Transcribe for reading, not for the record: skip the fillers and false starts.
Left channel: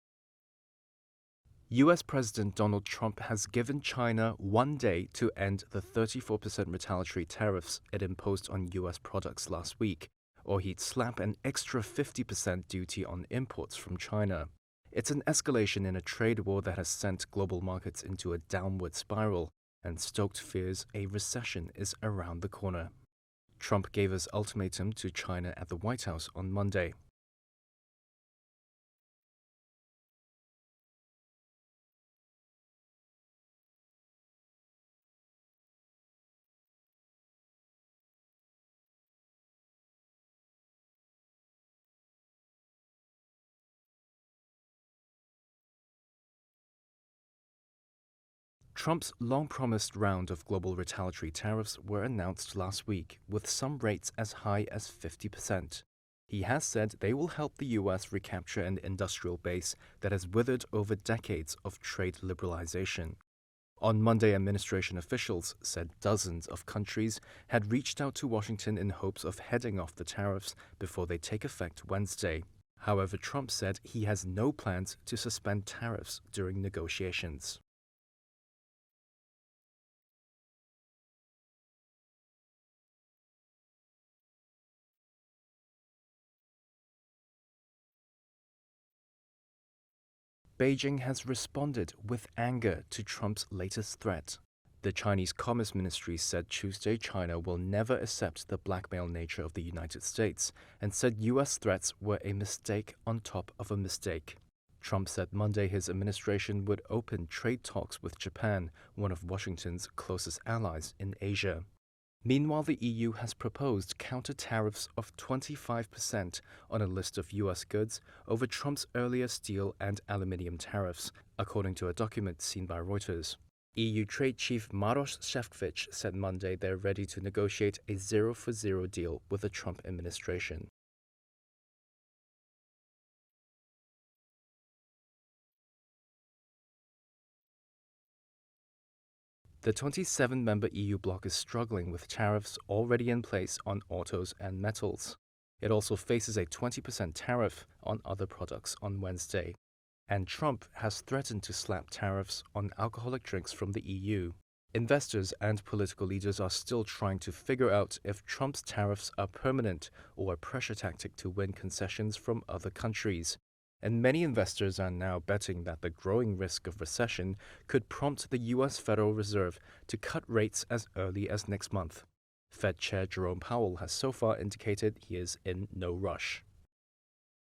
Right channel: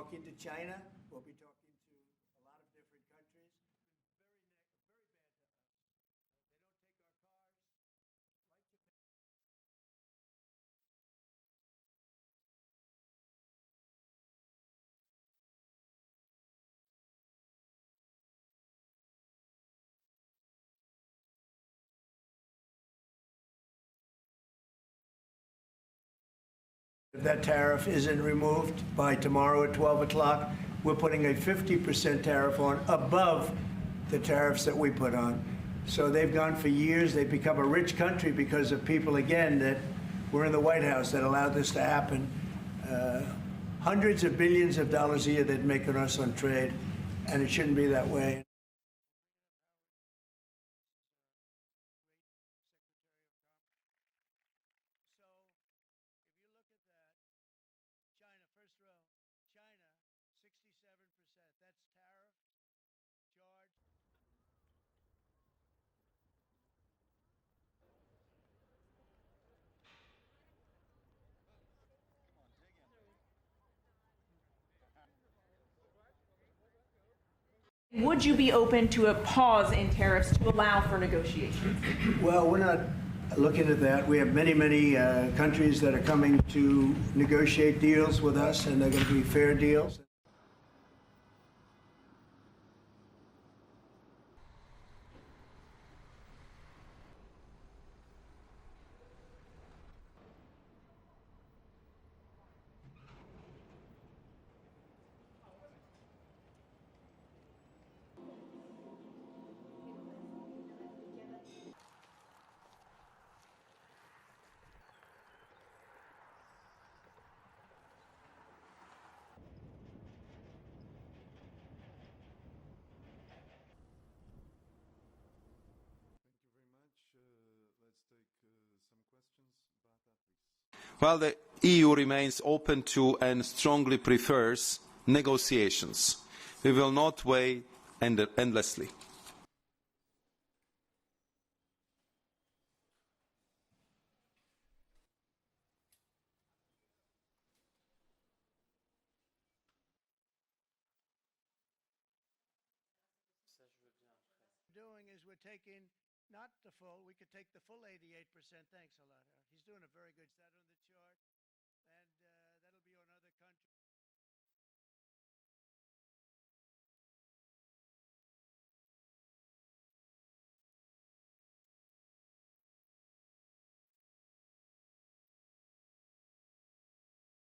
talking to China. US President Donald Trump has given China 1 day to end the 34% retaliatory tariffs it imposed on US products last week, or he'd slap an extra 50% duty on imports from China. It's an escalation in a trade war that has sent global markets into a downward spiral and stoked fears a recession is around the corner. Trump gave his ultimatum to China at the White House on Monday. If that tariff isn't removed by tomorrow at 12 o'clock, we're putting a 50% tariff on above the tariffs that we put on. So they've gone for years. They've become a rich country because of people, again, that were in the White House that allowed this to happen. Hundreds of billions of dollars a year they'd make on us on trade, and it shouldn't be that way. Trump's long-promised round of global retaliatory tariffs were announced last week, with some rates as high as 50%. He has said they will help the U.S. recapture an industrial base that has withered over decades of trade liberalization. On Monday, administration officials said dozens of countries had reached out to Washington in hopes of heading off the tariffs before they take effect Wednesday. However, Trump said he has no plans to suspend tariffs during negotiations. Would you be open to a pause in tariffs to allow for negotiations? Well, we're not looking at that. We have many countries that are coming to negotiate deals with us, and they're going to be fair deals. Beijing has responded with anger to Trump's latest threat. The Chinese Commerce Ministry said Tuesday China will never accept the blackmail nature of the United States and said U.S. threats were a mistake on top of a mistake. Trump said Monday his administration would open trade talks with Japan, one of Washington's closest allies in Asia. Meanwhile, the EU has proposed counter-tariffs of 25% on a list of U.S. goods over Trump's earlier steel and aluminium tariffs, according to a document seen by Reuters. EU Trade Chief Maroš Šefčovič said Monday they're ready to negotiate a zero-for-zero deal with the Trump administration. While the EU remains open to and strongly prefers negotiations, we will not wait endlessly. The 27-member EU bloc is struggling with tariffs already in place on autos and metals. It also faces a 20% tariff on other products on Wednesday. And Trump has threatened to slap tariffs on alcoholic drinks from the EU. Investors and political leaders are still trying to figure out if Trump's tariffs are permanent or a pressure tactic to win concessions from other countries. And many investors are now betting that the growing risk of recession could prompt the U.S. Federal Reserve to cut rates as early as next month. Fed Chair Jerome Powell has so far indicated he is in no rush.